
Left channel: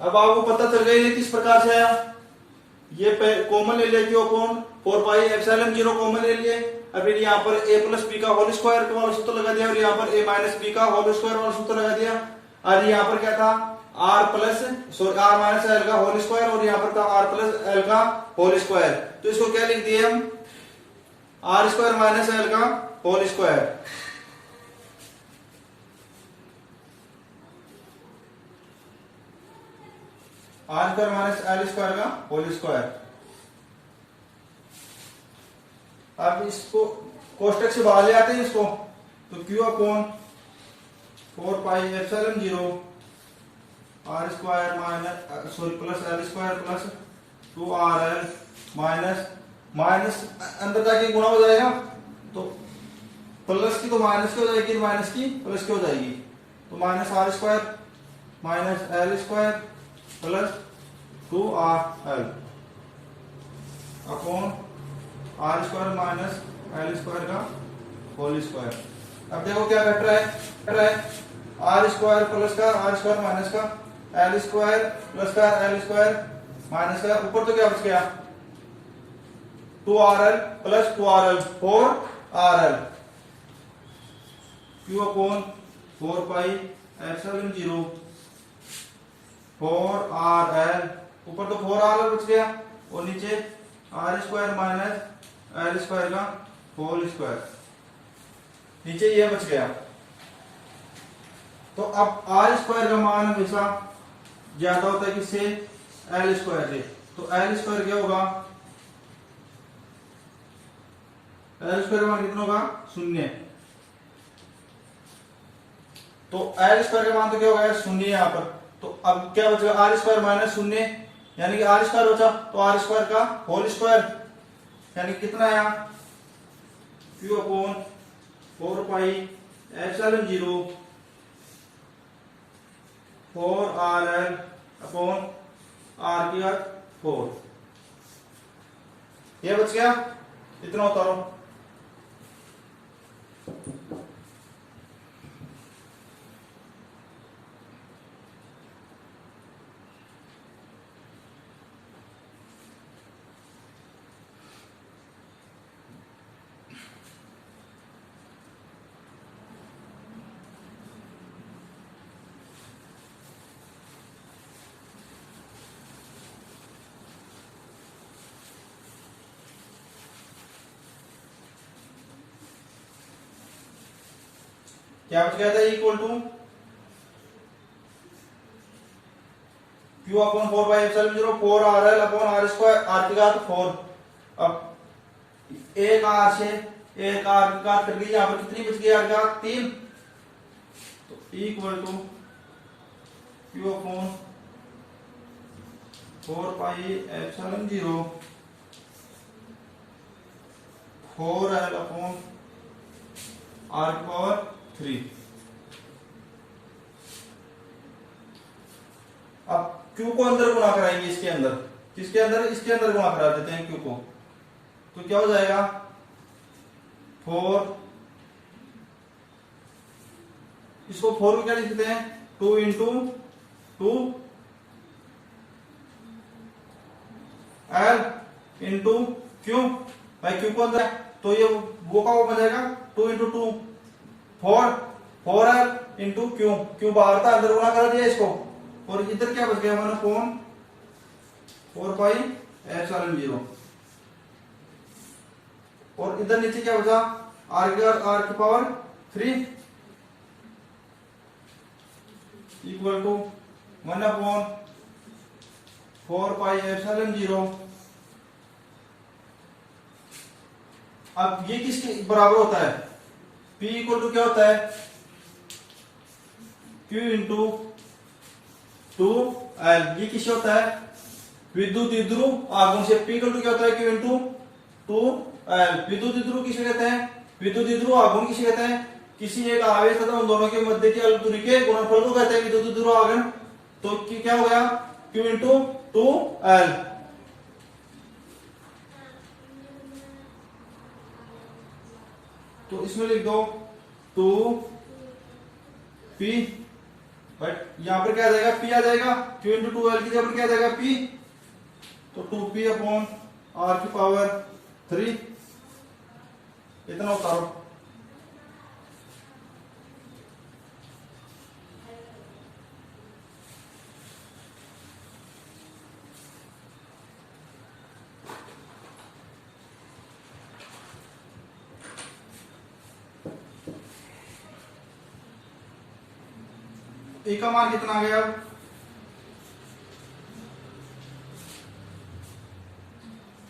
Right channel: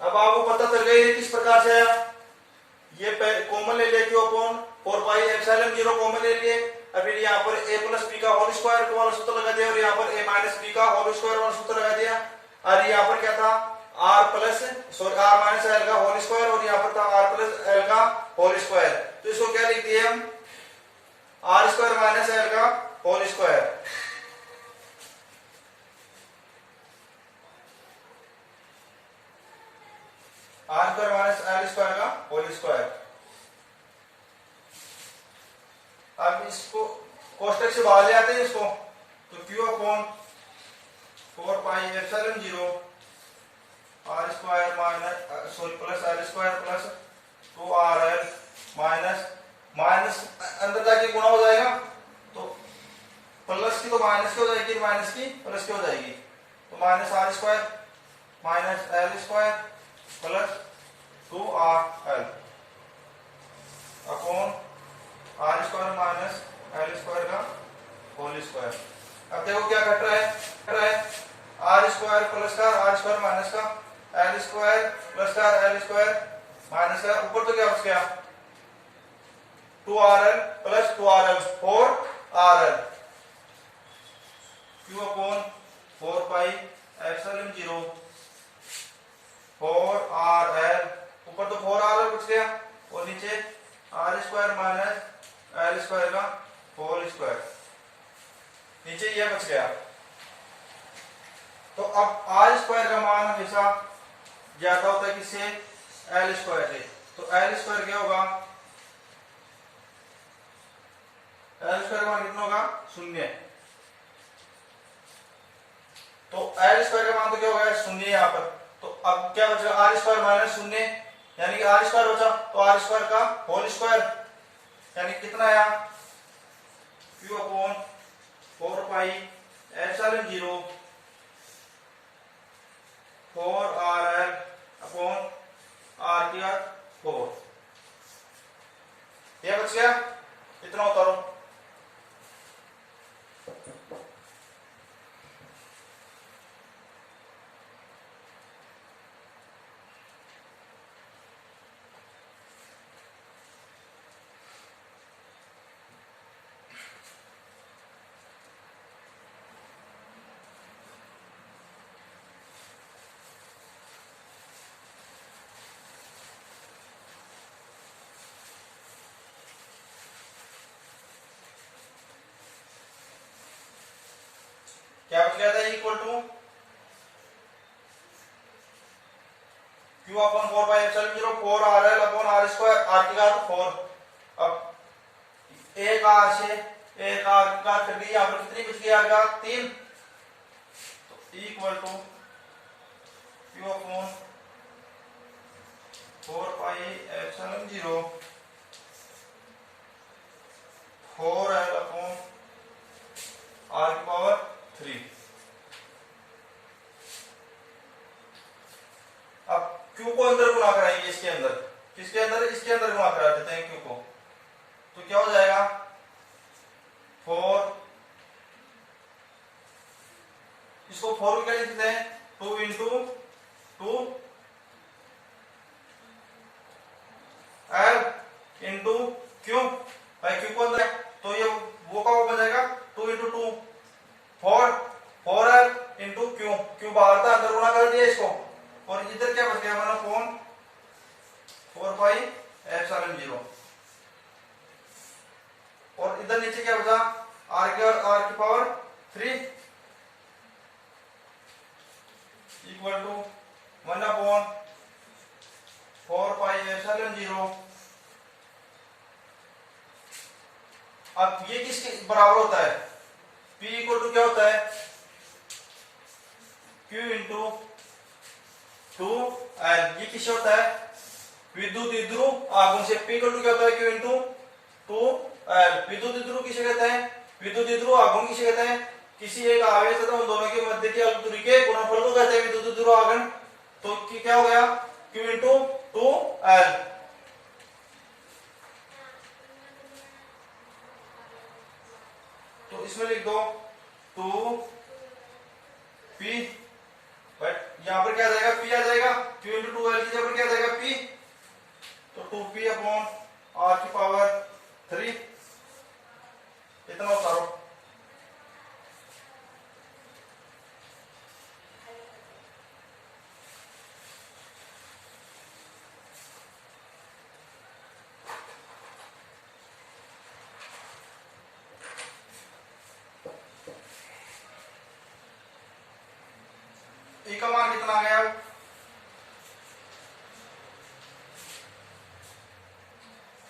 अब आपको पता चल गया ये किस प्रकार से आया, ये कॉमन ले लिया, क्यों अपॉन 4 पाई एप्सिलॉन 0 कॉमन ले लिए, और फिर यहाँ पर a प्लस बी का होल स्क्वायर वाला सूत्र लगा दिया, और यहाँ पर a माइनस बी का होल स्क्वायर वाला सूत्र लगा दिया, और यहाँ पर क्या था, r plus sorry r minus L का होल स्क्वायर, और यहाँ पर था r प्लस एल का होल स्क्वायर, तो इसको क्या लिख दिए हम, r स्क्वायर माइनस एल का whole square. R square minus L square का होल स्क्वायर। अब इसको कोष्टक से बाहर ले आते हैं इसको, तो Q upon 4 pi epsilon 0 R square minus sorry plus L square plus 2rl minus minus अंदर जाके गुणा हो जाएगा, तो प्लस की तो माइनस की हो जाएगी, माइनस की प्लस की हो जाएगी, तो minus R square minus L square plus 2rl upon R square minus L square का होल स्क्वायर। अब देखो क्या घट रहा है, आर स्क्वायर प्लस का आर स्क्वायर माइनस का एल स्क्वायर प्लस का एल स्क्वायर माइनस का, ऊपर तो क्या बच गया 2rl plus 2rl 4rl, Q upon 4 pi epsilon 0 4RL, ऊपर तो 4RL बच गया और नीचे R square minus L square का होल स्क्वायर, नीचे ये बच गया। तो अब R स्क्वायर का मान हमेशा ज्यादा होता है किससे, L स्क्वायर से। तो L स्क्वायर क्या होगा, L स्क्वायर का मान कितना होगा, 0। तो L स्क्वायर का मान तो क्या होगा, 0 यहाँ पर। तो अब क्या बचेगा, R स्क्वायर माइनस 0, यानी कि R स्क्वायर बचा, तो R स्क्वायर का होल स्क्वायर, यानी कितना आया, Q upon 4 pi epsilon 0 4RL upon R की घात 4, यह बच गया, इतना उतारो। क्या बच गया था, equal to Q upon 4 by epsilon 0 4RL upon R square, R की घात 4। अब एक R से एक R की घात कर दी, यहां पर कितनी बच गई, R की घात 3। तो equal to Q upon 4 pi epsilon 0 4L upon R की पावर 3। अब Q को अंदर गुणा कराएंगे, इसके अंदर, किसके अंदर, इसके अंदर गुणा करा देते हैं Q को। तो क्या हो जाएगा, 4, इसको 4 को क्या लिखते हैं, 2 इंटू 2 L इंटू Q, भाई Q को अंदर है तो ये वो का वो बन जाएगा 2 इंटू 2 4L इंटू Q बाहर था, अंदर गुणा कर दिया इसको, और इधर क्या बच गया हमारा, अपॉन 4 पाई एप्सिलॉन 0, और इधर नीचे क्या बचा, R की power 3 equal to 1 upon 4 pi epsilon 0। अब ये किसके बराबर होता है, P इक्वल टू क्या होता है, Q इंटू 2L, ये किससे होता है, विद्युत द्विध्रुव आघूर्ण से। P इक्वल टू क्या होता है, Q इंटू 2L, विद्युत द्विध्रुव किसे कहते हैं, विद्युत द्विध्रुव आघूर्ण किसे कहते हैं, किसी एक आवेश तथा उन दोनों के मध्य की अल्प दूरी के गुणनफल को कहते हैं विद्युत द्विध्रुव आघूर्ण। तो क्या हो गया, Q इंटू 2L, तो इसमें लिख दो 2P, बट यहां पर क्या आ जाएगा, P आ जाएगा, Q इंटू 2L की जगह पर क्या आ जाएगा, P, तो 2P अपॉन R की पावर 3, इतना उतारो। ए का मान कितना आ गया,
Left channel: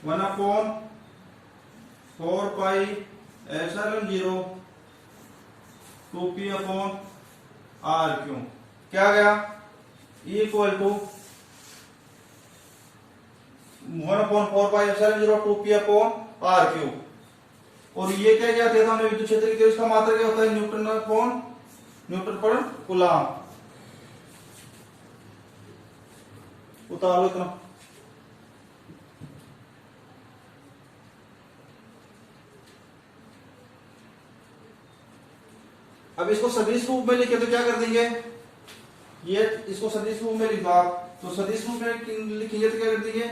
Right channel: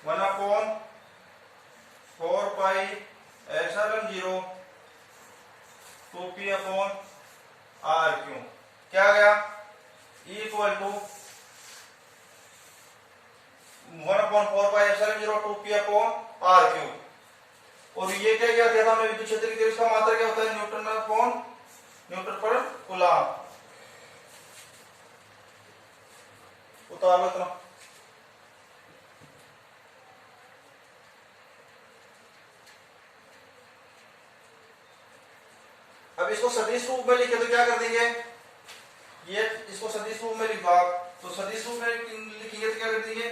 1 upon 4 pi epsilon 0 2P upon RQ, क्या आ गया, equal to 1 upon 4 pi epsilon 0 2P upon RQ। और ये क्या दिया था हमने, विद्युत क्षेत्र की, इसका मात्रा क्या होता है, न्यूटन अपॉन न्यूटन पर कूलम। उतार लो इतना। अब इसको सदिश रूप में लिखे तो क्या कर देंगे, ये इसको सदिश रूप में लिखो आप, तो सदिश रूप में लिखेंगे तो क्या कर देंगे,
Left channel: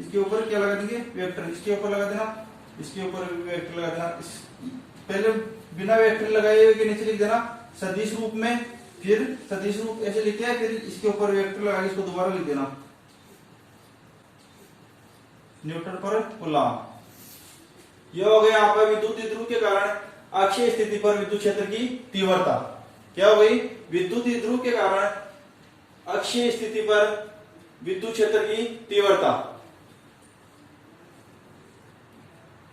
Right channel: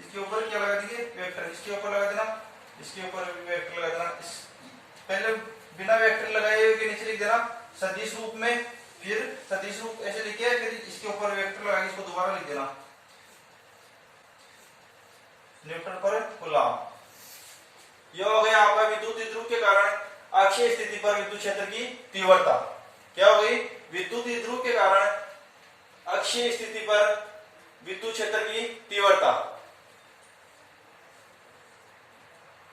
इसके ऊपर क्या लगा देंगे, वेक्टर, इसके ऊपर लगा देना, इसके ऊपर वेक्टर लगा देना। पहले बिना वेक्टर लगाए हुए के नीचे लिख देना सदिश रूप में फिर सदिश रूप ऐसे लिखे, फिर इसके ऊपर वेक्टर लगा के इसको दोबारा लिख देना, न्यूटन पर कूलम्ब। यह हो गया आपका विद्युत द्विध्रुव के कारण अक्षीय स्थिति पर विद्युत क्षेत्र की तीव्रता। क्या हो गई? विद्युत द्विध्रुव के कारण अक्षीय स्थिति पर विद्युत क्षेत्र की तीव्रता।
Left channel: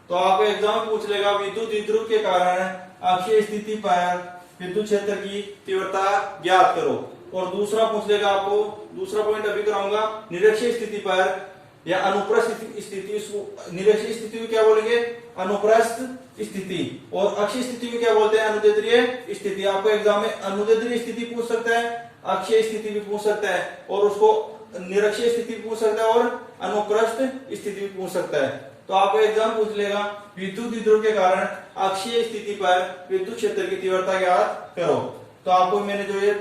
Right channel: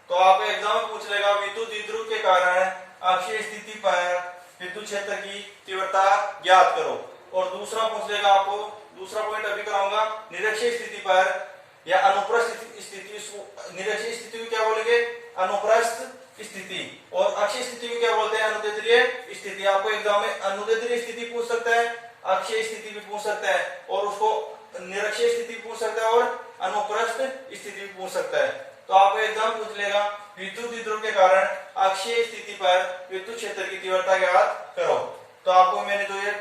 तो आपको एग्जाम पूछ लेगा विद्युत द्विध्रुव के कारण अक्षीय स्थिति पर विद्युत क्षेत्र की तीव्रता ज्ञात करो। और दूसरा पूछ लेगा आपको, दूसरा पॉइंट अभी कराऊंगा, निरक्षीय स्थिति पर या अनुप्रस्थ स्थिति, निरक्षीय स्थिति को क्या बोलेंगे? अनुप्रस्थ स्थिति। और अक्षीय स्थिति को क्या बोलते हैं? अनुदैर्ध्य स्थिति। आपको एग्जाम में अनुदैर्ध्य स्थिति पूछ सकता है, अक्षीय स्थिति भी पूछ सकता है, और उसको निरक्षीय स्थिति पूछ सकता है, और अनुप्रस्थ स्थिति भी पूछ सकता है। तो आपको एग्जाम पूछ लेगा विद्युत द्विध्रुव के कारण अक्षीय स्थिति पर विद्युत क्षेत्र की तीव्रता ज्ञात करो। तो आपको मैंने जो ये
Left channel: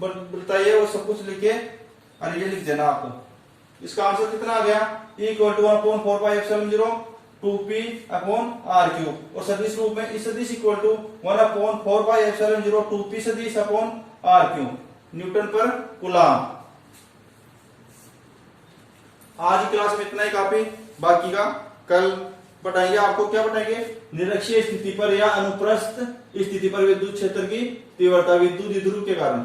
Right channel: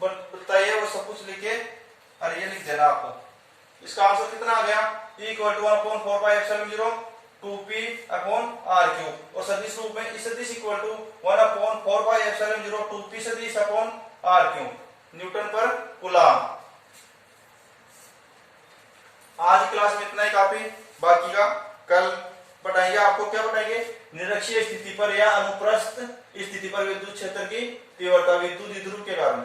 बताई है वो सब कुछ लिखे और ये लिख देना आपको। इसका आंसर कितना आ गया? E = 1/4πε0 2p upon r cube. और सदिश रूप में इस सदिश इक्वल टू 1/4πε0 2p सदिश अपॉन r क्यूब न्यूटन पर कूलम्ब। आज की क्लास में इतना ही काफी, बाकी का कल बताएंगे। आपको क्या बताएंगे? निरक्षीय स्थिति पर या अनुप्रस्थ स्थिति पर विद्युत क्षेत्र की तीव्रता विद्युत द्विध्रुव के कारण।